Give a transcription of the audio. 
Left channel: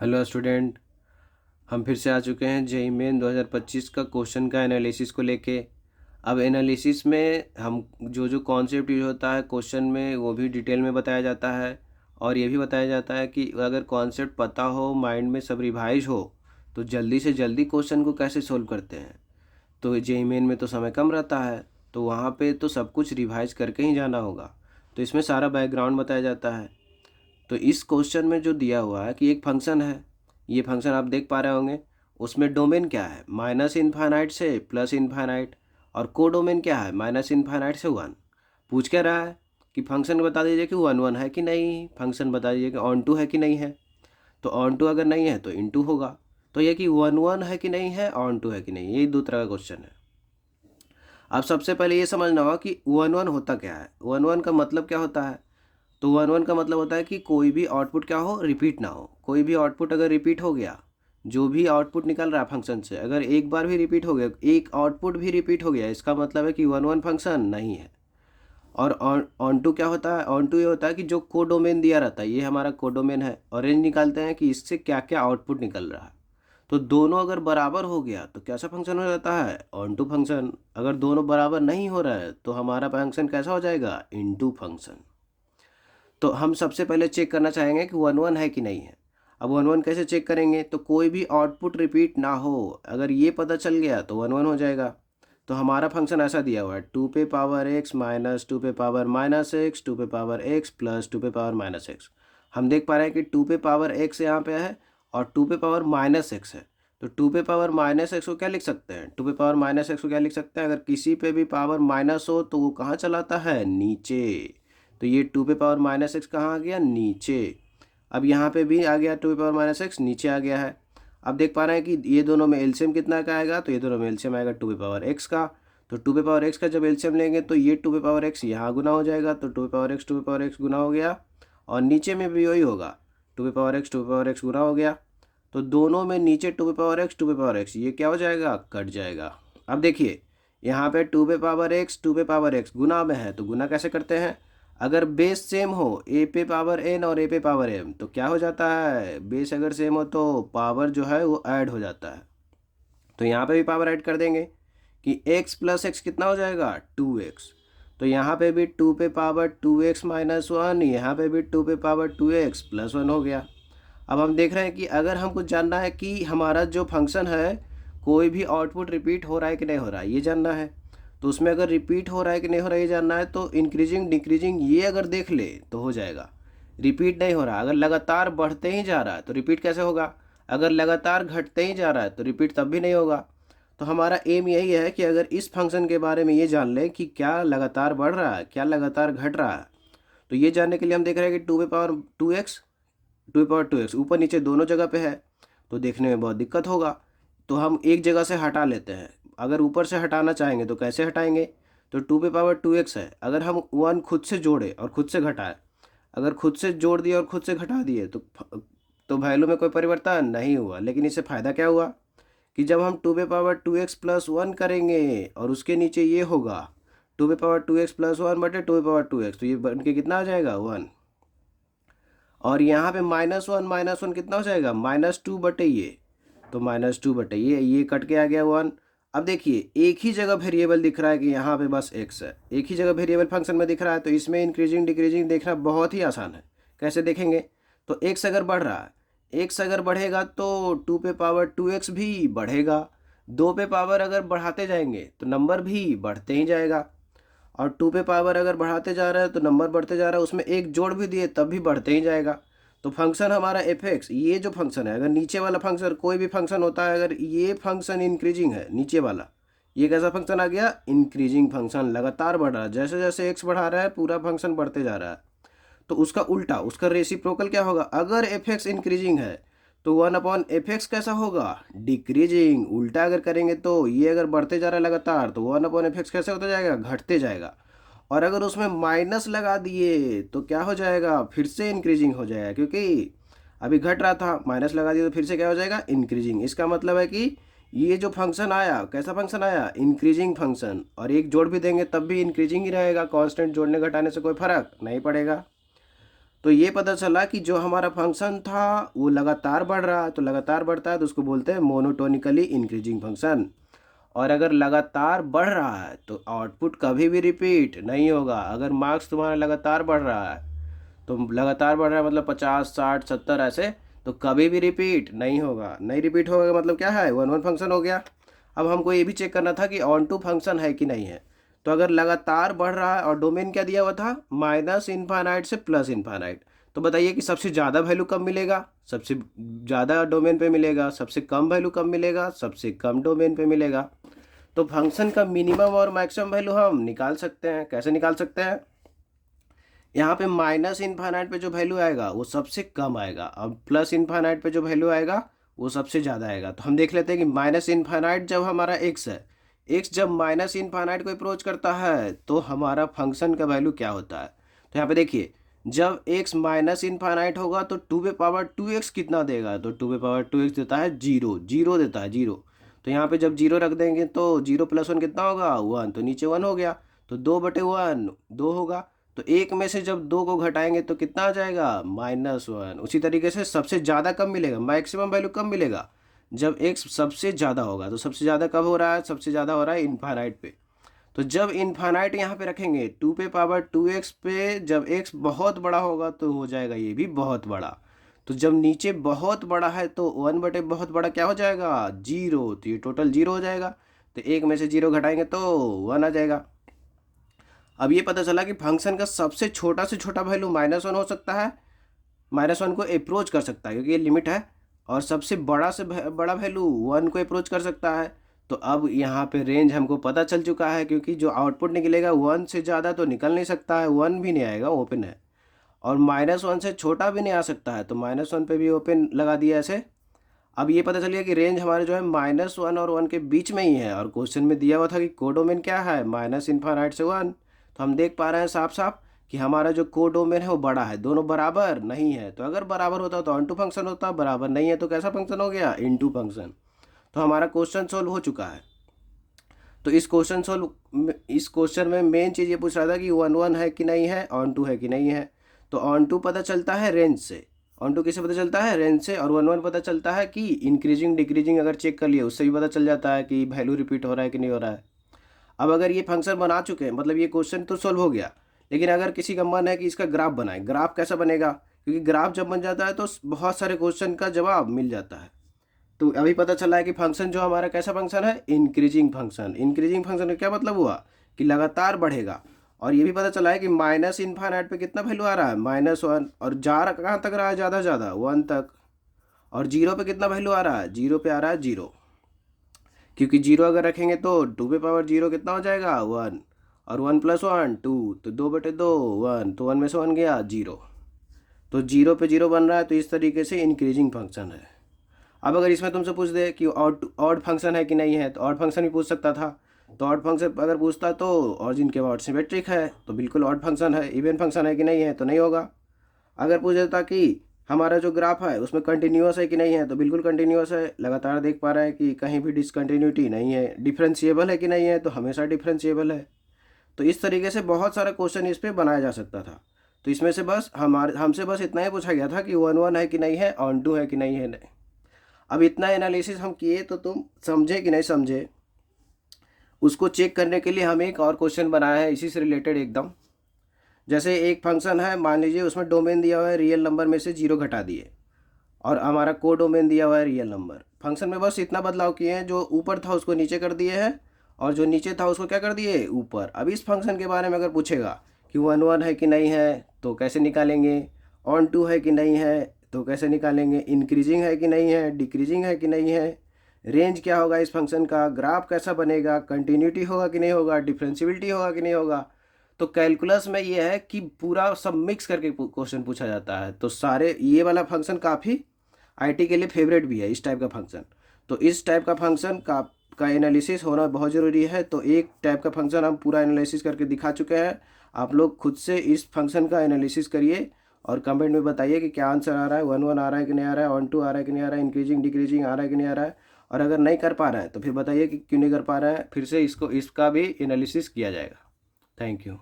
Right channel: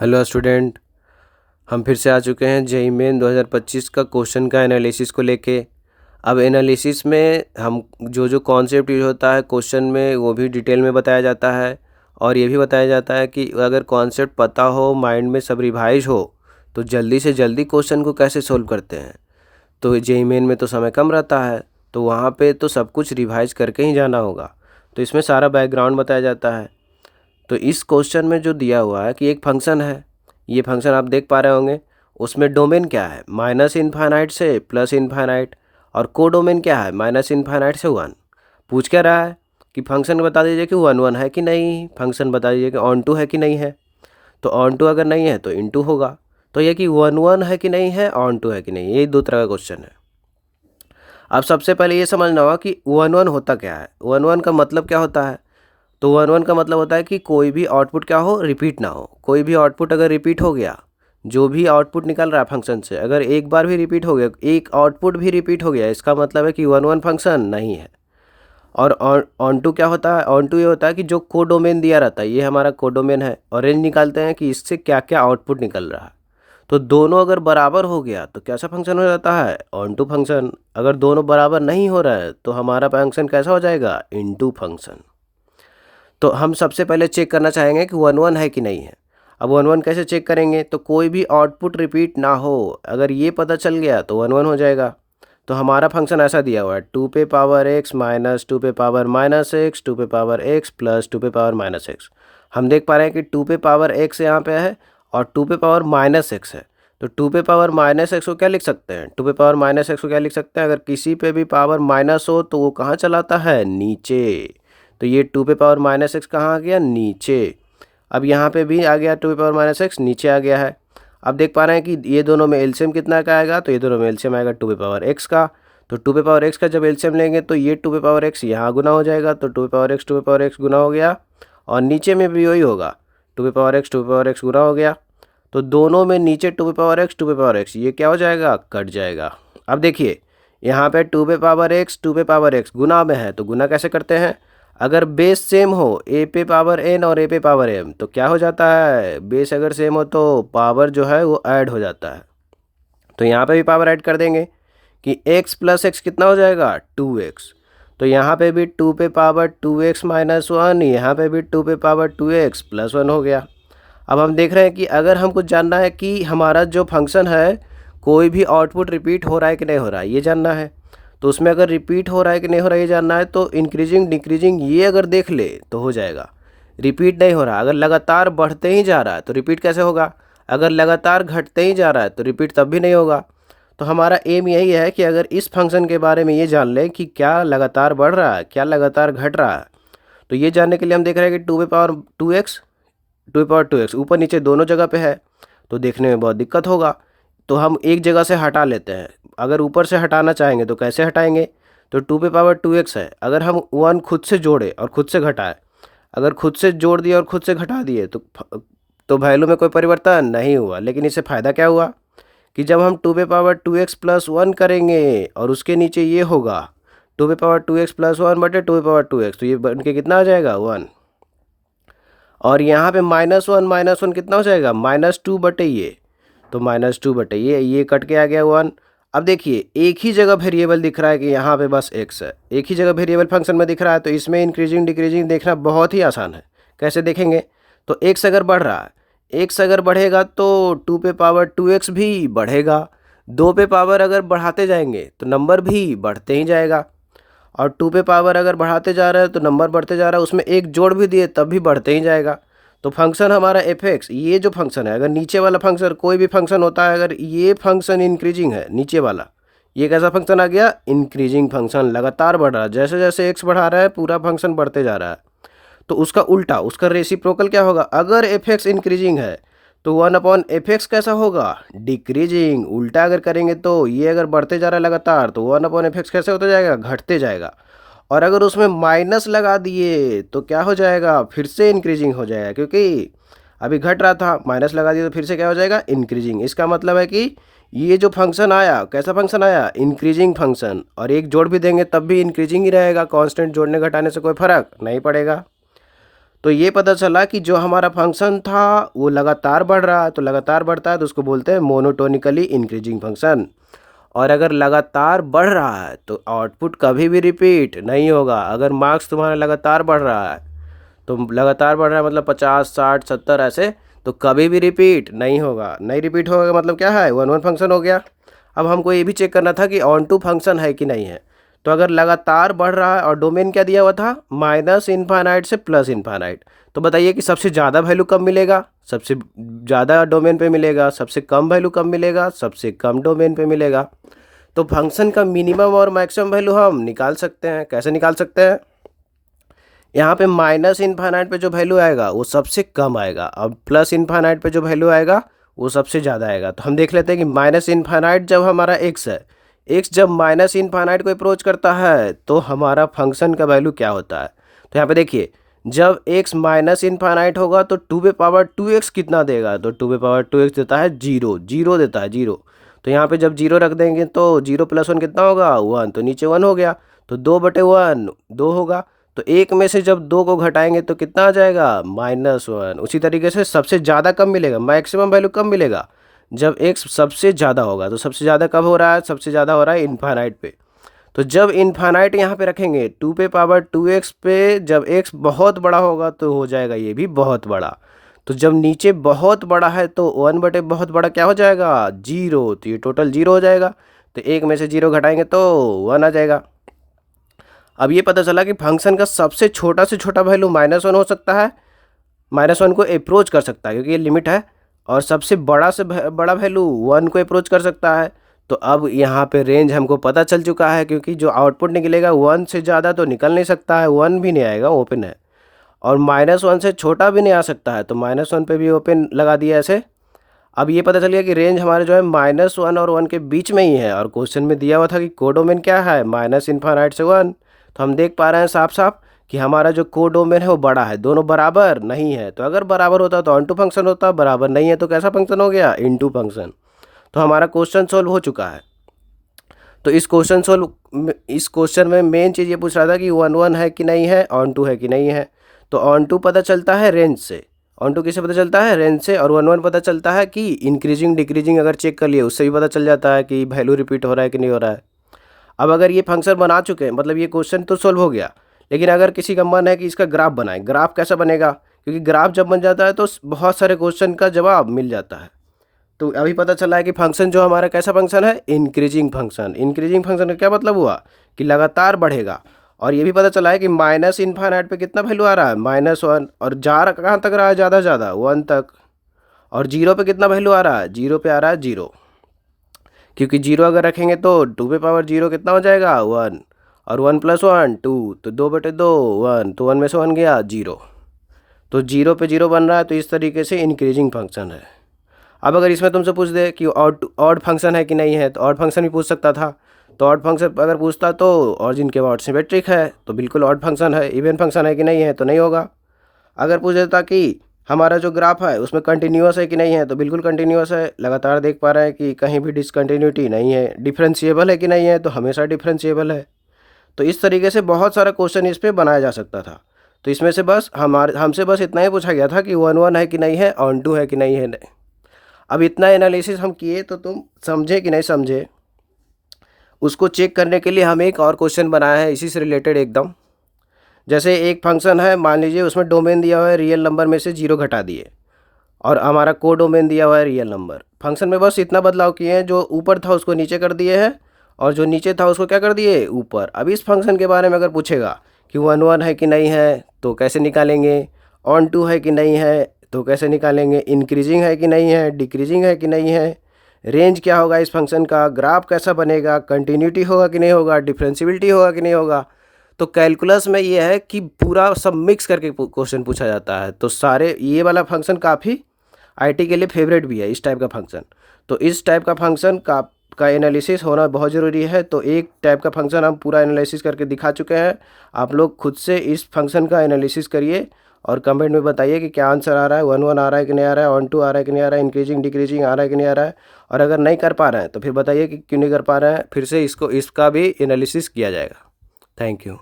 Hello student. हम फिर से आ चुके हैं जेईई मेन 2025 का क्वेश्चन का एनालिसिस को लेके। अब एनालिसिस में हम जो जो कॉन्सेप्ट यूज होता है क्वेश्चन में वो भी डिटेल में बताया जाता है, और ये भी बताया जाता है कि अगर कॉन्सेप्ट पता हो, माइंड में सब रिवाइज हो, तो जल्दी से जल्दी क्वेश्चन को कैसे सोल्व करते हैं। तो जेईई मेन में तो समय कम रहता है, तो वहाँ पे तो सब कुछ रिवाइज करके ही जाना होगा। तो इसमें सारा बैकग्राउंड बताया जाता है। तो इस क्वेश्चन में जो दिया हुआ है कि एक फंक्शन है, ये फंक्शन आप देख पा रहे होंगे। उसमें डोमेन क्या है, माइनस इनफाइनाइट से प्लस इनफाइनाइट, और को डोमेन क्या है, माइनस इनफाइनाइट से वन। पूछ क्या रहा है कि फंक्शन बता दीजिए कि वन वन है कि नहीं, फंक्शन बता दीजिए कि ऑन टू है कि नहीं है। तो ऑन टू अगर नहीं है तो इन टू होगा। तो ये कि वन वन है कि नहीं है, ऑन टू है कि नहीं, ये दो तरह का क्वेश्चन है। अब सबसे पहले ये समझना होगा कि वन वन होता क्या है, वन वन का मतलब क्या होता है। तो वन वन का मतलब होता है कि कोई भी आउटपुट क्या हो, रिपीट ना हो। कोई भी आउटपुट अगर रिपीट हो गया, जो भी आउटपुट निकल रहा है फंक्शन से, अगर एक बार भी रिपीट हो गया, एक आउटपुट भी रिपीट हो गया, इसका मतलब है कि वन वन फंक्शन नहीं है। और ऑन टू क्या होता है, ऑन टू ये होता है कि जो कोडोमेन दिया रहता है, ये हमारा कोडोमेन है, और रेंज निकालते हैं कि इससे क्या क्या आउटपुट निकल रहा है। तो दोनों अगर बराबर हो गया तो कैसा फंक्शन हो जाता है, ऑन टू फंक्शन। अगर दोनों बराबर नहीं हो रहा है तो हमारा फंक्शन कैसा हो जाएगा, इन टू फंक्शन। तो हम सबसे पहले चेक करना चाहेंगे कि वन वन है कि नहीं है। अब वन वन कैसे चेक करेंगे, तो कोई भी आउटपुट रिपीट ना हो, अगर ये पता चल गया तो वन वन हो जाएगा। तो हमारा फंक्शन ऐसा दिया हुआ है, टू पे पावर एक्स माइनस टू पे पावर माइनस एक्स टू पे पावर एक्स प्लस टू पे पावर माइनस एक्स। हम देख पा रहे हैं कि टू पे पावर एक्स यहाँ पे है और टू पे पावर माइनस एक्स है। तो टू पे पावर माइनस एक्स को क्या लिख सकते हैं, टू पे पावर माइनस एक्स को क्या लिख सकते हैं, अगर किसी पे भी पावर माइनस हो तो वो कहाँ चलाता है, नीचे। तो ये टू पे पावर माइनस एक्स कहाँ आ गया, नीचे। अब यहाँ पे भी आ गया टू पे पावर माइनस एक्स, नीचे आ गया है। अब देख पा रहे हैं कि ये दोनों में एलसीएम कितना का आएगा, तो ये दोनों में एलसीएम आएगा टू पे पावर एक्स का। तो टू पे पावर एक्स का जब एलसीएम लेंगे तो ये टू पे पावर एक्स यहाँ गुना हो जाएगा, तो टू पे पावर एक्स टू पे पावर एक्स गुना हो गया। और नीचे में भी वही होगा, टू पे पावर एक्स टू पे पावर एक्स गुना हो गया। तो दोनों में नीचे टू पे पावर एक्स टू पे पावर एक्स, ये क्या हो जाएगा, कट जाएगा। अब देखिए यहाँ पे टू पे पावर एक्स टू पे पावर एक्स गुना में है, तो गुना कैसे करते हैं, अगर बेस सेम हो, ए पे पावर एन और ए पे पावर एम, तो क्या हो जाता है, बेस अगर सेम हो तो पावर जो है वो ऐड हो जाता है। तो यहाँ पे भी पावर ऐड कर देंगे कि x प्लस एक्स कितना हो जाएगा, 2x। तो यहाँ पे भी टू पे पावर 2x माइनस वन, यहाँ पे भी टू पे पावर 2x प्लस वन हो गया। अब हम देख रहे हैं कि अगर हमको जानना है कि हमारा जो फंक्शन है कोई भी आउटपुट रिपीट हो रहा है कि नहीं हो रहा है, ये जानना है। तो उसमें अगर रिपीट हो रहा है कि नहीं हो रहा है ये जानना है, तो इंक्रीजिंग डिक्रीजिंग ये अगर देख ले तो हो जाएगा। रिपीट नहीं हो रहा, अगर लगातार बढ़ते ही जा रहा है तो रिपीट कैसे होगा, अगर लगातार घटते ही जा रहा है तो रिपीट तब भी नहीं होगा। तो हमारा एम यही है कि अगर इस फंक्शन के बारे में ये जान लें कि क्या लगातार बढ़ रहा है, क्या लगातार घट रहा है। तो ये जानने के लिए हम देख रहे हैं कि टू पे power two X, two power two X ऊपर नीचे दोनों जगह पे है, तो देखने में बहुत दिक्कत होगा। तो हम एक जगह से हटा लेते हैं। अगर ऊपर से हटाना चाहेंगे तो कैसे हटाएंगे, तो टू पे पावर टू एक्स है, अगर हम वन खुद से जोड़े और खुद से घटाए, अगर खुद से जोड़ दिए और खुद से घटा दिए तो वैल्यू में कोई परिवर्तन नहीं हुआ। लेकिन इससे फ़ायदा क्या हुआ कि जब हम टू पे power two X plus one करेंगे और उसके नीचे ये होगा टू पे power two X plus one बटे टू पे पावर टू एक्स, तो ये बन के कितना आ जाएगा, वन। और यहाँ पे माइनस वन कितना हो जाएगा, माइनस टू बटे ये, तो माइनस टू बटे ये कट के आ गया वन। अब देखिए एक ही जगह वेरिएबल दिख रहा है कि यहाँ पे बस एक्स है, एक ही जगह वेरिएबल फंक्शन में दिख रहा है, तो इसमें इंक्रीजिंग डिक्रीजिंग देखना बहुत ही आसान है। कैसे देखेंगे, तो एक्स अगर बढ़ रहा है, एक्स अगर बढ़ेगा तो टू पे पावर टू एक्स भी बढ़ेगा। दो पे पावर अगर बढ़ाते जाएंगे तो नंबर भी बढ़ते ही जाएगा। और टू पे पावर अगर बढ़ाते जा रहा है तो नंबर बढ़ते जा रहा है, उसमें एक जोड़ भी दिए तब भी बढ़ते ही जाएगा। तो फंक्शन हमारा एफ एक्स, ये जो फंक्शन है, अगर नीचे वाला फंक्शन कोई भी फंक्शन होता है, अगर ये फंक्शन इंक्रीजिंग है नीचे वाला, ये कैसा फंक्शन आ गया, इंक्रीजिंग फंक्शन, लगातार बढ़ रहा है, जैसे जैसे एक्स बढ़ा रहा है पूरा फंक्शन बढ़ते जा रहा है। तो उसका उल्टा, उसका रेसिप्रोकल क्या होगा, अगर एफ एक्स इंक्रीजिंग है तो वन अपॉन एफ एक्स कैसा होगा, डिक्रीजिंग। उल्टा अगर करेंगे तो ये अगर बढ़ते जा रहा है लगातार तो वन अपॉन एफ एक्स कैसे होता जाएगा, घटते जाएगा। और अगर उसमें माइनस लगा दिए तो क्या हो जाएगा, फिर से इंक्रीजिंग हो जाएगा, क्योंकि अभी घट रहा था, माइनस लगा दिया तो फिर से क्या हो जाएगा, इंक्रीजिंग। इसका मतलब है कि ये जो फंक्शन आया कैसा फंक्शन आया, इंक्रीजिंग फंक्शन। और एक जोड़ भी देंगे तब भी इंक्रीजिंग ही रहेगा, कांस्टेंट जोड़ने घटाने से कोई फर्क नहीं पड़ेगा। तो ये पता चला कि जो हमारा फंक्शन था वो लगातार बढ़ रहा है, तो लगातार बढ़ता है तो उसको बोलते हैं मोनोटोनिकली इंक्रीजिंग फंक्शन। और अगर लगातार बढ़ रहा है तो आउटपुट कभी भी रिपीट नहीं होगा। अगर मार्क्स तुम्हारा लगातार बढ़ रहा है तो लगातार बढ़ रहा है मतलब 50 60 70 ऐसे, तो कभी भी रिपीट नहीं होगा। नहीं रिपीट होगा मतलब क्या है, वन वन फंक्शन हो गया। अब हमको ये भी चेक करना था कि ऑन टू फंक्शन है कि नहीं है। तो अगर लगातार बढ़ रहा है और डोमेन क्या दिया हुआ था, माइनस इनफाइनाइट से प्लस इनफाइनाइट, तो बताइए कि सबसे ज़्यादा वैल्यू कब मिलेगा, सबसे ज़्यादा डोमेन पे मिलेगा, सबसे कम वैल्यू कब मिलेगा, सबसे कम डोमेन पे मिलेगा। तो फंक्शन का मिनिमम और मैक्सिमम वैल्यू हम निकाल सकते हैं। कैसे निकाल सकते हैं, यहाँ पे माइनस इनफाइनाइट पे जो वैल्यू आएगा वो सबसे कम आएगा, और प्लस इनफाइनाइट पे जो वैल्यू आएगा वो सबसे ज़्यादा आएगा। तो हम देख लेते हैं कि माइनस इनफाइनाइट जब हमारा एक्स है, एक्स जब माइनस इनफाइनाइट को अप्रोच करता है तो हमारा फंक्शन का वैल्यू क्या होता है। तो यहाँ पे देखिए, जब एक्स माइनस इनफाइनाइट होगा तो 2 पे पावर 2x कितना देगा, तो 2 पे पावर 2x देता है जीरो, जीरो देता है जीरो। तो यहाँ पे जब जीरो रख देंगे तो जीरो प्लस वन कितना होगा, वन, तो नीचे वन हो गया, तो 2/1 2 होगा। तो एक में से जब दो को घटाएंगे तो कितना आ जाएगा, -1। उसी तरीके से सबसे ज़्यादा कब मिलेगा, मैक्सिमम वैल्यू कब मिलेगा, जब x सबसे ज़्यादा होगा। तो सबसे ज़्यादा कब हो रहा है, सबसे ज़्यादा हो रहा है इनफाइनाइट पे। तो जब इनफाइनाइट यहाँ पे रखेंगे 2 पे पावर 2x पे, जब x बहुत बड़ा होगा तो हो जाएगा ये भी बहुत बड़ा। तो जब नीचे बहुत बड़ा है तो 1/, बहुत बड़ा क्या हो जाएगा, जीरो, तो ये टोटल जीरो हो जाएगा। तो एक में से जीरो घटाएंगे तो 1 आ जाएगा। अब ये पता चला कि फंक्शन का सबसे छोटा से छोटा वैल्यू -1 हो सकता है, -1 को अप्रोच कर सकता है क्योंकि ये लिमिट है, और सबसे बड़ा से बड़ा वैल्यू 1 को अप्रोच कर सकता है। तो अब यहाँ पे रेंज हमको पता चल चुका है, क्योंकि जो आउटपुट निकलेगा 1 से ज़्यादा तो निकल नहीं सकता है, 1 भी नहीं आएगा, ओपन है, और -1 से छोटा भी नहीं आ सकता है, तो -1 पे भी ओपन लगा दिया ऐसे। अब ये पता चल गया कि रेंज हमारे जो है -1 और 1 के बीच में ही है, और क्वेश्चन में दिया हुआ था कि कोडोमेन क्या है, माइनस इनफाइनाइट से 1। तो हम देख पा रहे हैं साफ साफ कि हमारा जो कोडोमेन है वो बड़ा है, दोनों बराबर नहीं है। तो अगर बराबर होता तो ऑन टू फंक्शन होता, बराबर नहीं है तो कैसा फंक्शन हो गया, इनटू फंक्शन। तो हमारा क्वेश्चन सोल्व हो चुका है। तो इस क्वेश्चन में मेन चीज़ ये पूछ रहा था कि 1 1 है कि नहीं है, ऑन टू है कि नहीं है। तो ऑन टू पता चलता है रेंज से, ऑन टू किससे पता चलता है, रेंज से। और 1 1 पता चलता है कि इंक्रीजिंग डिक्रीजिंग अगर चेक कर लिए उससे भी पता चल जाता है कि वैल्यू रिपीट हो रहा है कि नहीं हो रहा है। अब अगर ये फंक्शन बना चुके हैं मतलब ये क्वेश्चन तो सोल्व हो गया, लेकिन अगर किसी का मन है कि इसका ग्राफ बनाए, ग्राफ कैसा बनेगा, क्योंकि ग्राफ जब बन जाता है तो बहुत सारे क्वेश्चन का जवाब मिल जाता है। तो अभी पता चला है कि फंक्शन जो हमारा कैसा फंक्शन है, इंक्रीजिंग फंक्शन। इंक्रीजिंग फंक्शन का क्या मतलब हुआ कि लगातार बढ़ेगा। और ये भी पता चला है कि माइनस इनफाइनाइट पे कितना वैल्यू आ रहा है, -1, और जा रहा कहाँ तक रहा है, ज़्यादा ज़्यादा 1 तक। और जीरो पे कितना वैल्यू आ रहा है, जीरो पे आ रहा है जीरो, क्योंकि जीरो अगर रखेंगे तो 2 पे पावर 0 कितना हो जाएगा, 1, और 1 + 1 2, तो 2/2 1, तो 1 में से 1 गया जीरो। तो जीरो पे जीरो बन रहा है, तो इस तरीके से इंक्रीजिंग फंक्शन है। अब अगर इसमें तुमसे पूछ दे कि ऑड फंक्शन है कि नहीं है, तो ऑड फंक्शन भी पूछ सकता था। तो ऑड फंक्शन अगर पूछता तो ऑरिजिन के बाद सिमेट्रिक है, तो बिल्कुल ऑड फंक्शन है। इवन फंक्शन है कि नहीं है, तो नहीं होगा। अगर पूछ देता कि हमारा जो ग्राफ है उसमें कंटिन्यूअस है कि नहीं है, तो बिल्कुल कंटिन्यूअस है। लगातार देख पा रहे हैं कि कहीं भी डिसकंटिन्यूटी नहीं है। डिफरेंशिएबल है कि नहीं है, तो हमेशा डिफरेंशिएबल है। तो इस तरीके से बहुत सारा क्वेश्चन इस पर बनाया जा सकता था। तो इसमें से बस हमसे बस इतना ही पूछा गया था कि 1 1 है कि नहीं है, ऑन टू है कि नहीं है। अब इतना एनालिसिस हम किए तो तुम समझे कि नहीं समझे, उसको चेक करने के लिए हम एक और क्वेश्चन बनाया है इसी से रिलेटेड एकदम। जैसे एक फंक्शन है, मान लीजिए उसमें डोमेन दिया हुआ है रियल नंबर में से 0 घटा दिए, और हमारा को डोमेन दिया हुआ है रियल नंबर। फंक्शन में बस इतना बदलाव किए हैं, जो ऊपर था उसको नीचे कर दिए हैं, और जो नीचे था उसको क्या कर दिए, ऊपर। अब इस फंक्शन के बारे में अगर पूछेगा कि 1 1 है कि नहीं है, तो कैसे निकालेंगे, ऑन टू है कि नहीं है, तो कैसे निकालेंगे, इंक्रीजिंग है कि नहीं है, डिक्रीजिंग है कि नहीं है, रेंज क्या होगा इस फंक्शन का, ग्राफ कैसा बनेगा, कंटिन्यूटी होगा कि नहीं होगा, डिफरेंशिबिलिटी होगा कि नहीं होगा। तो कैलकुलस में ये है कि पूरा सब मिक्स करके क्वेश्चन पूछा जाता है। तो सारे ये वाला फंक्शन काफ़ी आईटी के लिए फेवरेट भी है, इस टाइप का फंक्शन। तो इस टाइप का फंक्शन का एनालिसिस होना बहुत ज़रूरी है। तो एक टाइप का फंक्शन हम पूरा एनालिसिस करके दिखा चुके हैं। आप लोग खुद से इस फंक्शन का एनालिसिस करिए और कमेंट में बताइए कि क्या आंसर आ रहा है, 1 1 आ रहा है कि नहीं आ रहा है, ऑन टू आ रहा है कि नहीं आ रहा है, इंक्रीजिंग डिक्रीजिंग आ रहा है कि नहीं आ रहा है। और अगर नहीं कर पा रहे हैं तो फिर बताइए कि क्यों नहीं कर पा रहे हैं, फिर से इसका भी एनालिसिस किया जाएगा। Thank you.